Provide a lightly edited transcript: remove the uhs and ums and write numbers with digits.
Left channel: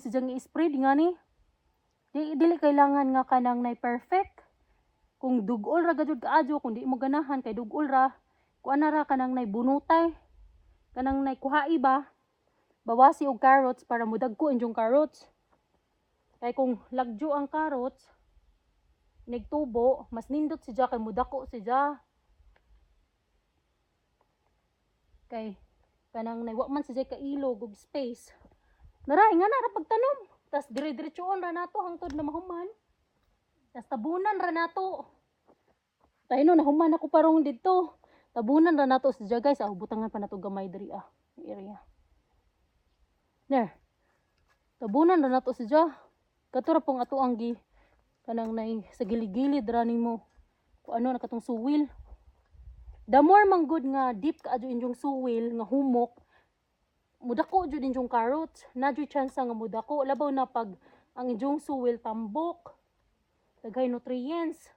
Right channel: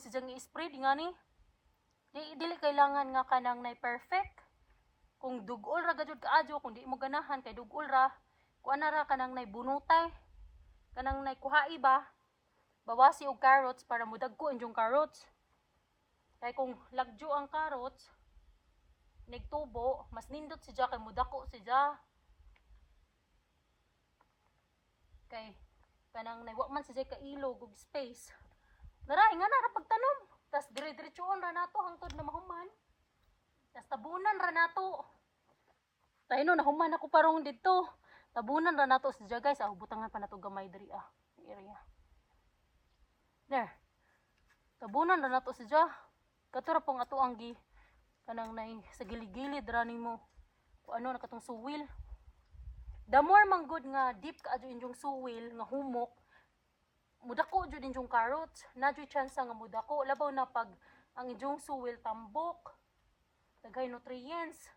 Sidyang i-spread nga ni. Dili kailangan nga kanang nay perfect. Kung dugol ra gajud kaadyo, kung di mo ganahan kay dugol ra, kuan na ra kanang nay bunutay. Kanang nay kuhai ba? Bawasi og carrots para mudagko inyong carrots. Kay kung lagjo ang carrots, nagtubo, mas nindot siya kay mudako siya. Kay kanang nay wa man siya kailog og space. Naray nga na ra pagtanom. Tas dire-diretsoon ra nato hangtod na mahuman. Tas tabunan ra nato. Tayo no nahuman ako parong dito. Tabunan ra nato siya guys. Butangan pa nato gamay diri area. There. Tabunan ra nato siya. Kato ra pong ato ang gi kanang nay sa gilid-gilid ra nimo. Kung ano na katong suwil. The more man good nga deep ka adyo inyong suwil nga humok, mudako jud inyong carrots, na jud chance nga mudako labaw na pag ang inyong suwil tambok, daghay nutrients.